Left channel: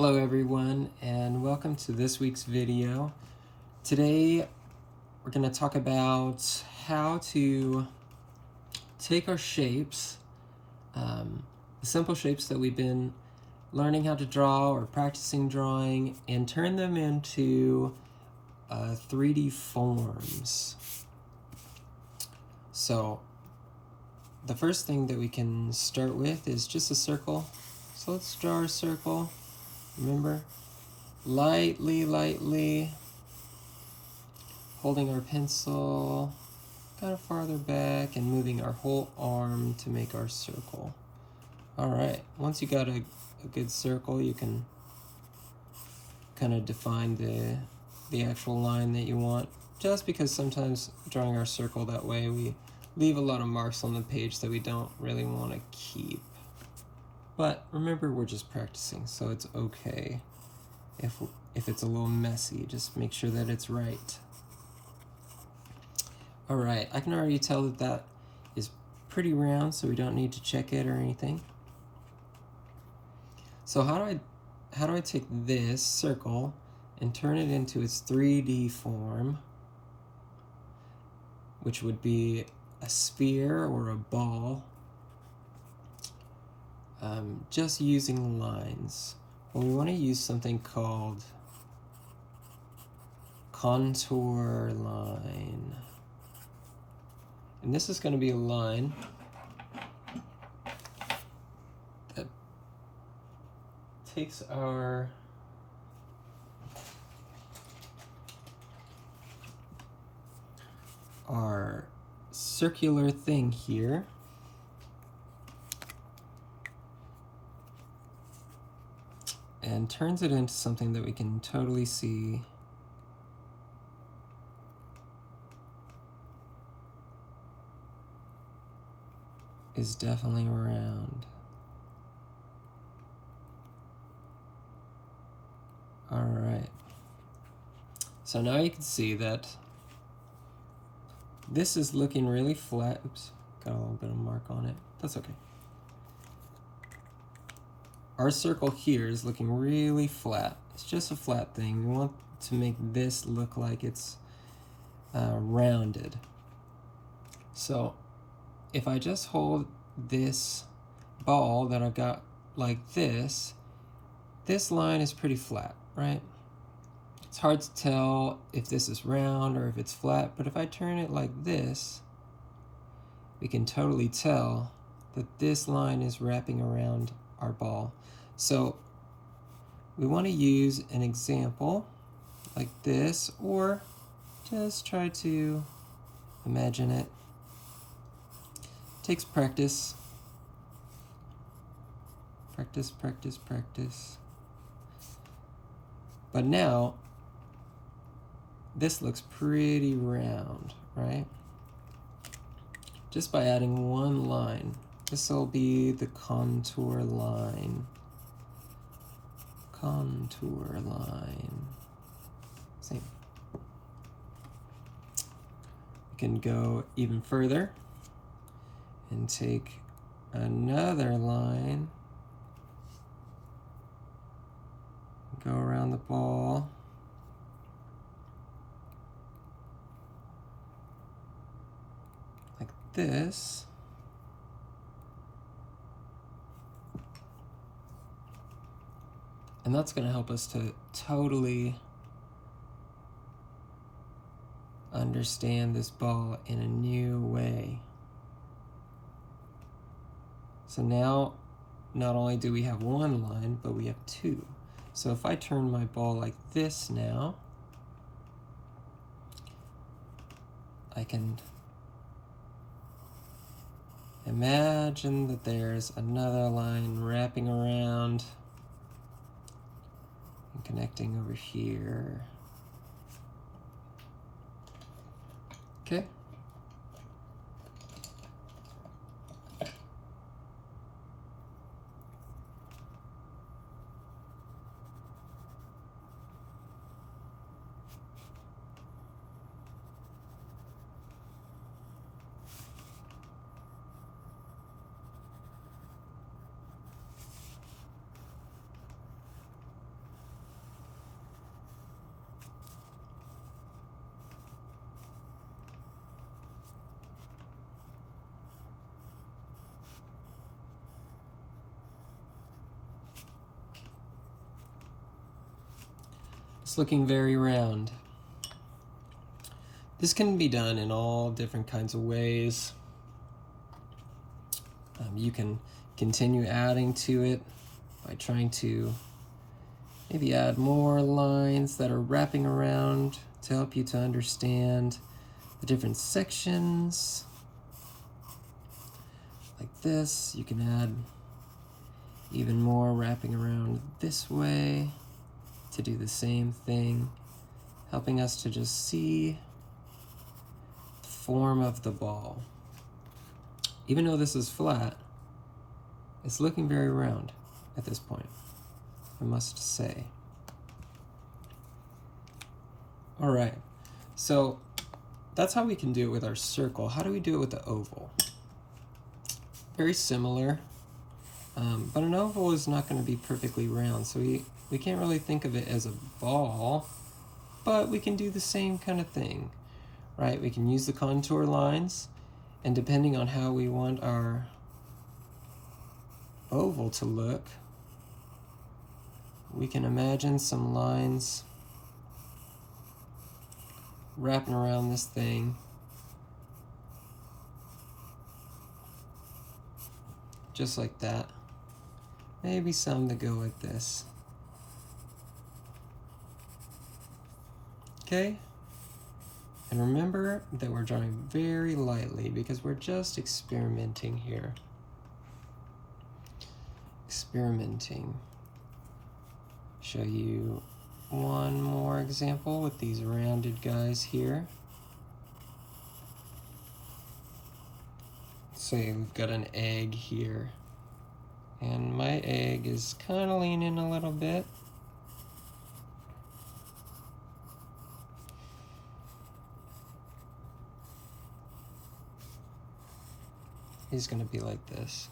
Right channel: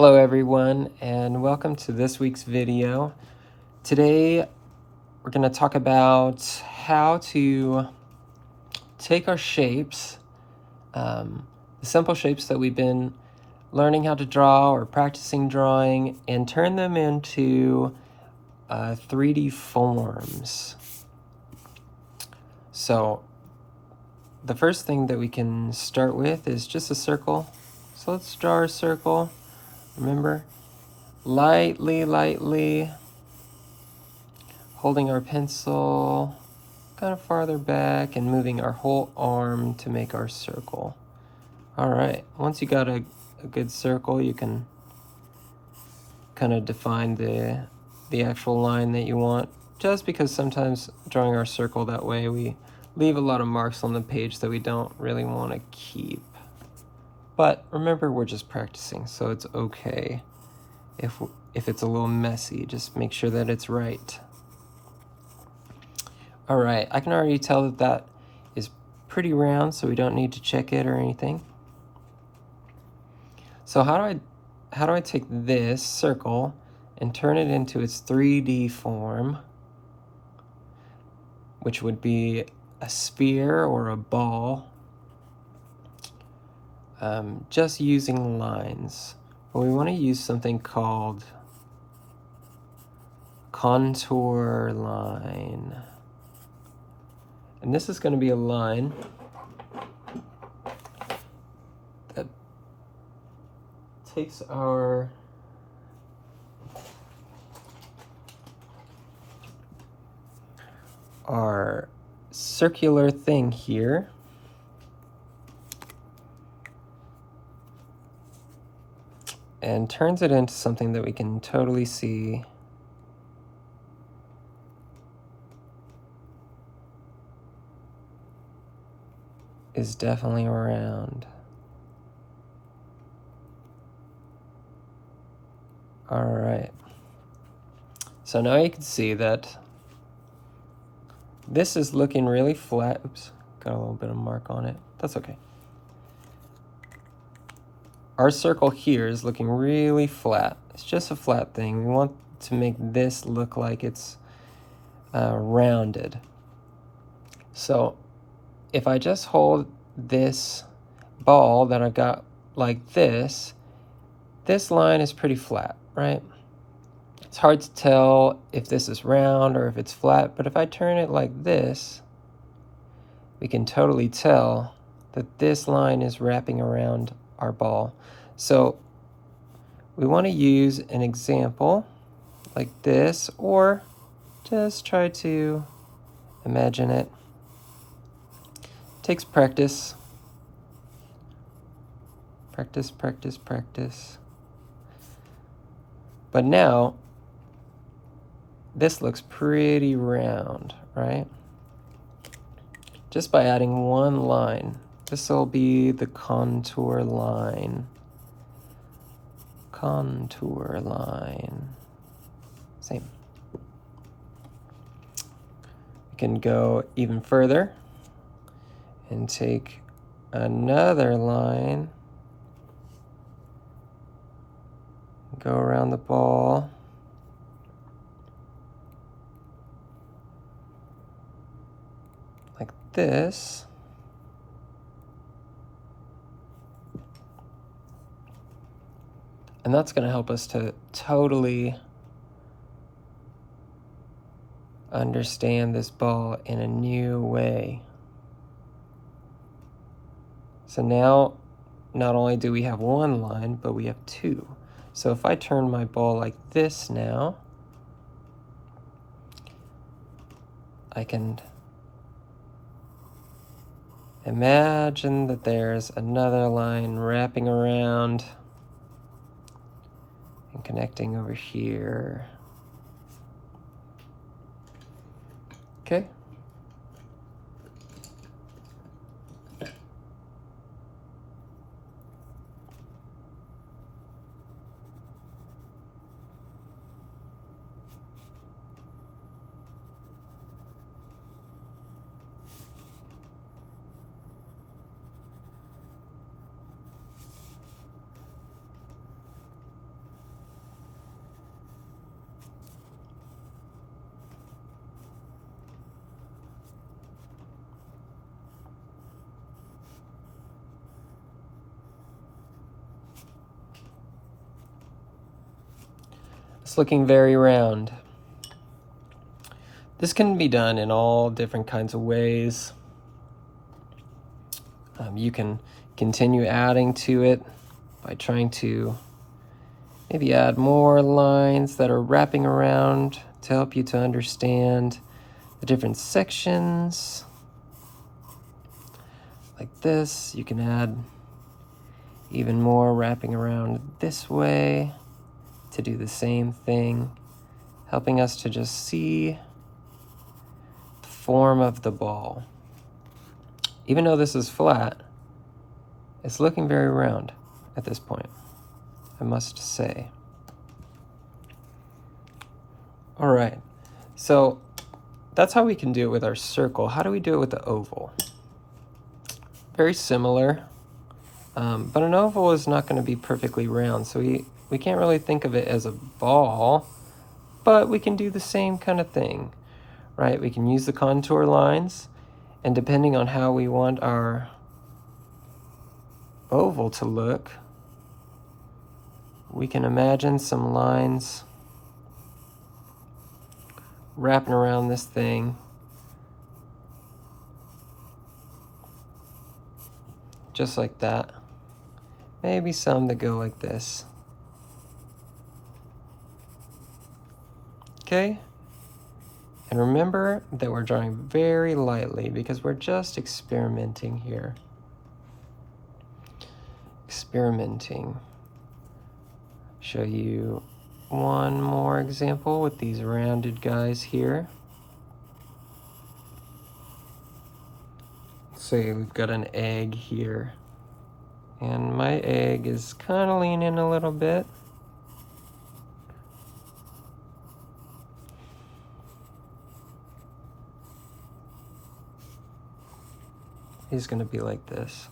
Hello everyone, and welcome to this week's video. Today we're going to talk about how to take our shapes, the simple shapes that we've been learning how to draw or practicing drawing, and turn them into 3D forms. So the first thing that we can start with is just a circle. So let's draw our circle. Remember, lightly holding our pencil kind of farther back and moving our whole arm to make our circle. All right, once you got a good circle, you can kind of define the actual line that you want, just because sometimes drawing our circle that way, we leave a lot of marks on the page that we don't really want to keep. But remember, we're just practicing, so it's okay if it's a little messy. Just make sure that it's right. All right, I can already tell that that is pretty round, so we don't need to check it or anything. So how do I take this circle and turn it into its 3D form, which would be a sphere or a ball, just using lines? Well, we want to use something called contour line. And this is going to be a line that takes our circular thing here and turns it into something that we can totally see is definitely round. All right. So now you can see that this is looking really flat. Oops, got a little bit of mark on it. That's okay. Our circle here is looking really flat. It's just a flat thing. We want to make this look like it's rounded. So if I just hold this ball that I've got like this line is pretty flat, right? It's hard to tell if this is round or if it's flat, but if I turn it like this, we can totally tell that this line is wrapping around our ball. So we want to use an example like this, or just try to imagine it. It takes practice. Practice. But now, this looks pretty round, right? Just by adding one line. This will be the contour line. Contour line. Same. We can go even further and take another line, go around the ball, like this. And that's going to help us to totally understand this ball in a new way. So now, not only do we have one line, but we have two. So if I turn my ball like this now, I can imagine that there's another line wrapping around and connecting over here. Okay. It's looking very round. This can be done in all different kinds of ways. You can continue adding to it by trying to maybe add more lines that are wrapping around to help you to understand the different sections. Like this, you can add even more wrapping around this way to do the same thing, helping us to just see the form of the ball. Even though this is flat, it's looking very round at this point, I must say. All right, so that's how we can do it with our circle. How do we do it with the oval? Very similar, but an oval is not going to be perfectly round, so we can't really think of it as a ball, but we can do the same kind of thing, right? We can use the contour lines, and depending on how we want our oval to look, we can imagine some lines wrapping around this thing, just like that. Maybe some that go like this. Okay? And remember that we're drawing very lightly because we're just experimenting here. Experimenting. Show you one more example with these rounded guys here. Say we've got an egg here, and my egg is kind of leaning a little bit. He's going to be like this.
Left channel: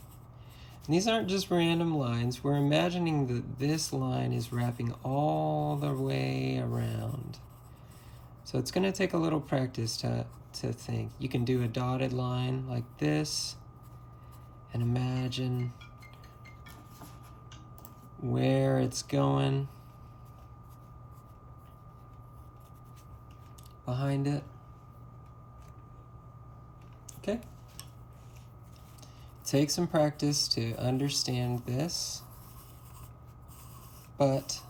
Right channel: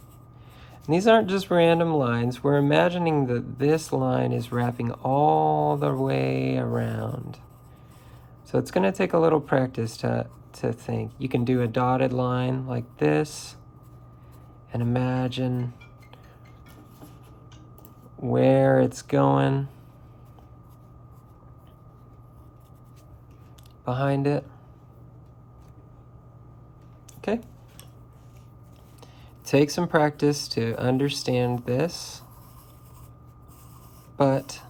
And these aren't just random lines. We're imagining that this line is wrapping all the way around. So it's going to take a little practice to think. You can do a dotted line like this and imagine where it's going behind it. Okay? Take some practice to understand this, but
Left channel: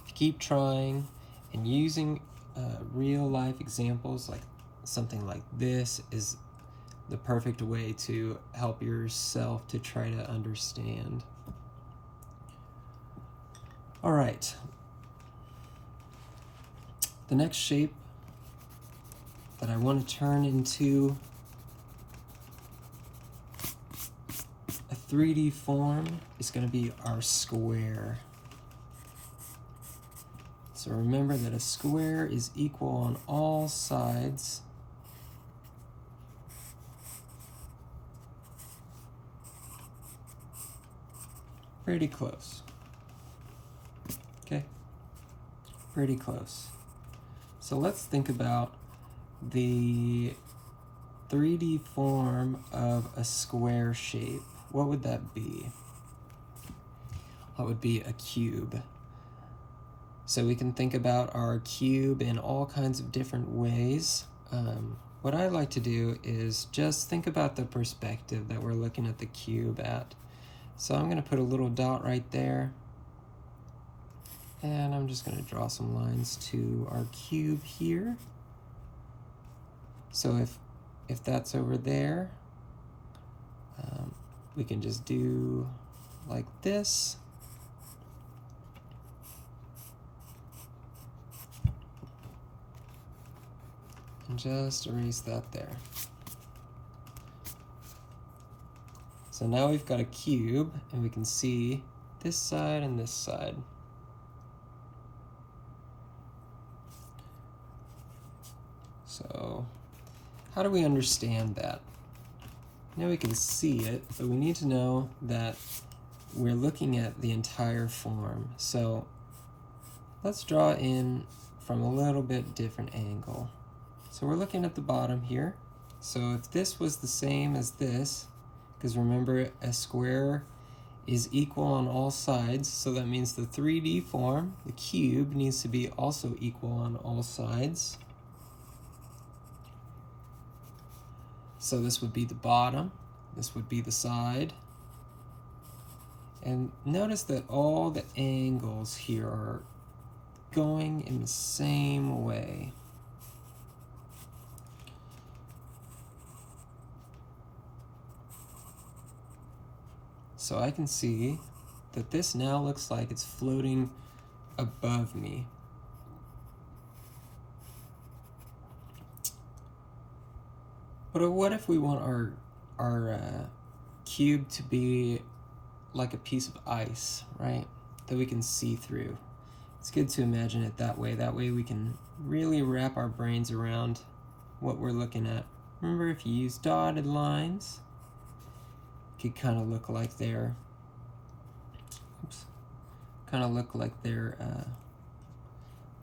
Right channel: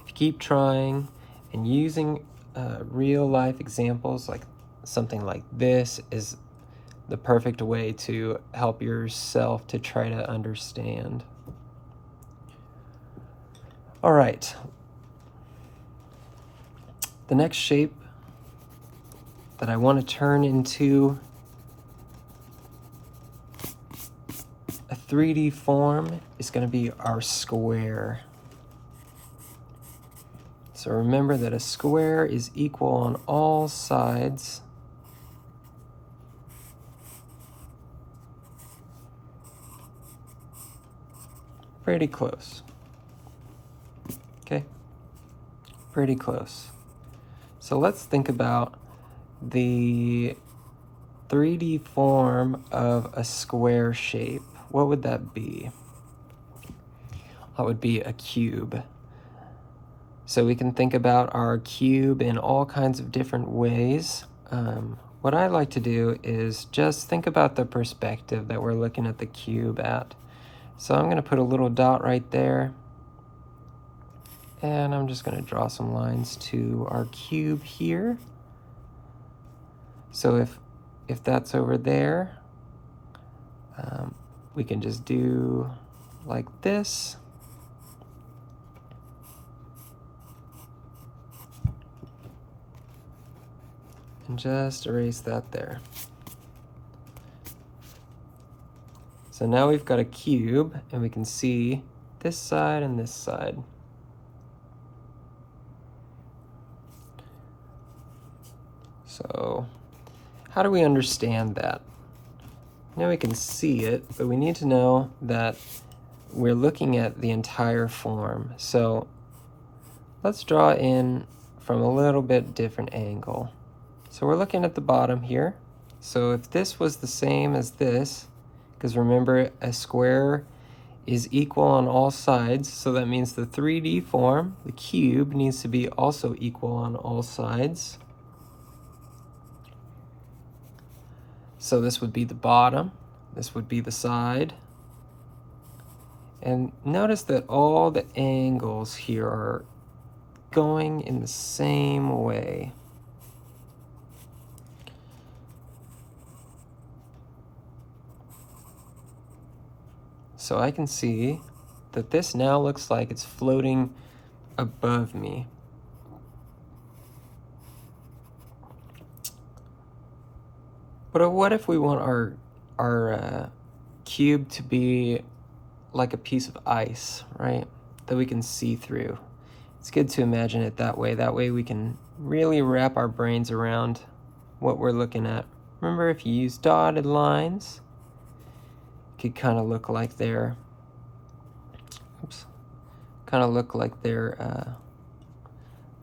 if you keep trying and using real life examples, like something like this is the perfect way to help yourself to try to understand. All right. The next shape that I want to turn into a 3D form is going to be our square. So remember that a square is equal on all sides. Pretty close. Okay, pretty close. So let's think about the 3D form of a square shape. What would that be? That would be a cube. So we can think about our cube in all kinds of different ways. What I like to do is just think about the perspective that we're looking at the cube at. So I'm going to put a little dot right there. And I'm just going to draw some lines to our cube here. So if that's over there, we can just do like this. And just erase that there. So now we've got a cube, and we can see this side and this side. So how do we understand that? Now we can see it, but we need to know that we're looking at the entire form. So let's draw in from a little bit different angle. So we're looking at the bottom here. So if this was the same as this, because remember a square is equal on all sides, so that means the 3D form, the cube, needs to be also equal on all sides. So this would be the bottom, this would be the side. And notice that all the angles here are going in the same way. So I can see that this now looks like it's floating above me. But what if we want our cube to be like a piece of ice, right? That we can see through. It's good to imagine it that way. That way we can really wrap our brains around what we're looking at. Remember, if you use dotted lines, it could kind of look like they're,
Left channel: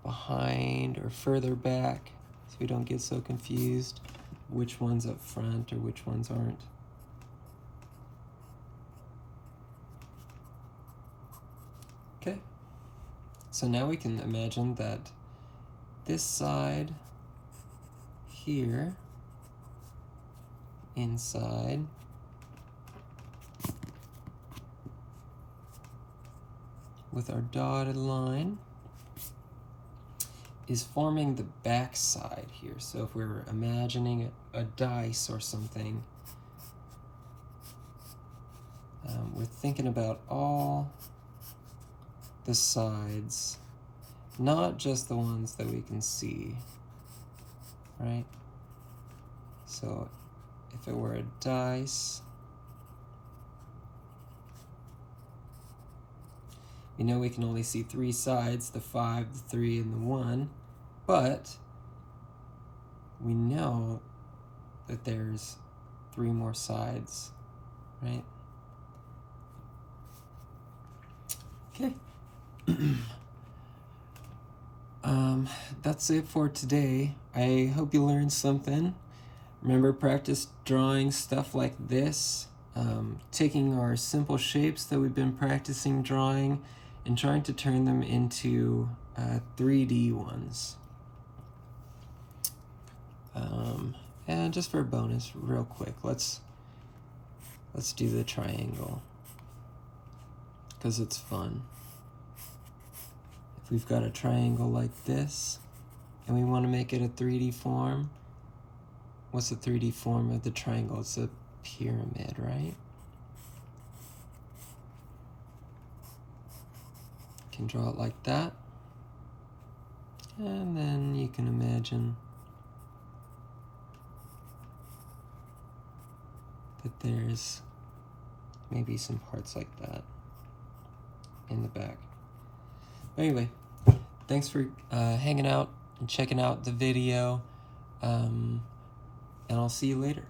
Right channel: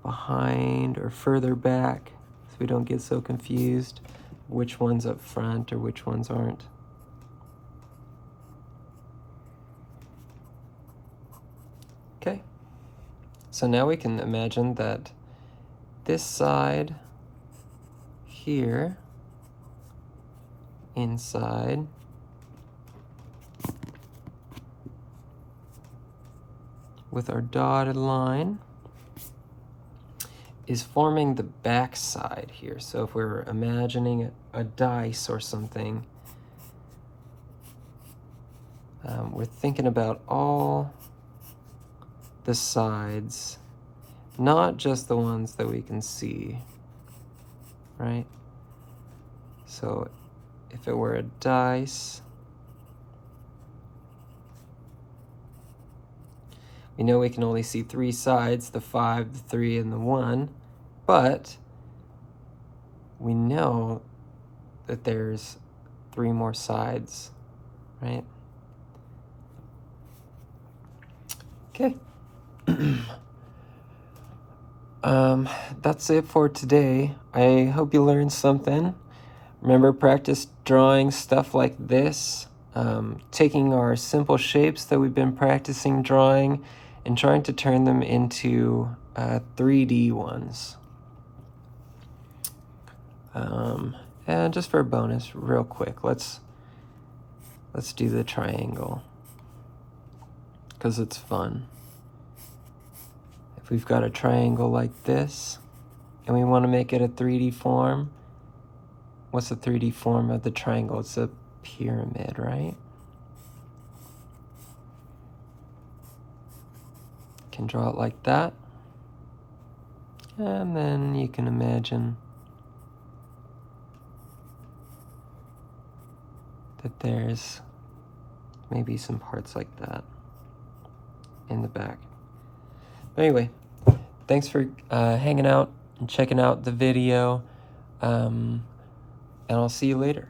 behind or further back, so we don't get so confused which one's up front or which ones aren't. Okay, so now we can imagine that this side here, inside, with our dotted line, is forming the back side here. So if we're imagining a dice or something, we're thinking about all the sides, not just the ones that we can see, right? So if it were a dice, we know we can only see 3 sides, the 5, the 3, and the 1, but we know that there's 3 more sides, right? Okay. That's it for today. I hope you learned something. Remember, practice drawing stuff like this, taking our simple shapes that we've been practicing drawing and trying to turn them into 3D ones. And just for a bonus, real quick, let's do the triangle, because it's fun. If we've got a triangle like this and we want to make it a 3D form, what's the 3D form of the triangle? It's a pyramid, right? Can draw it like that. And then you can imagine that there's maybe some parts like that in the back. But anyway, thanks for hanging out and checking out the video, and I'll see you later.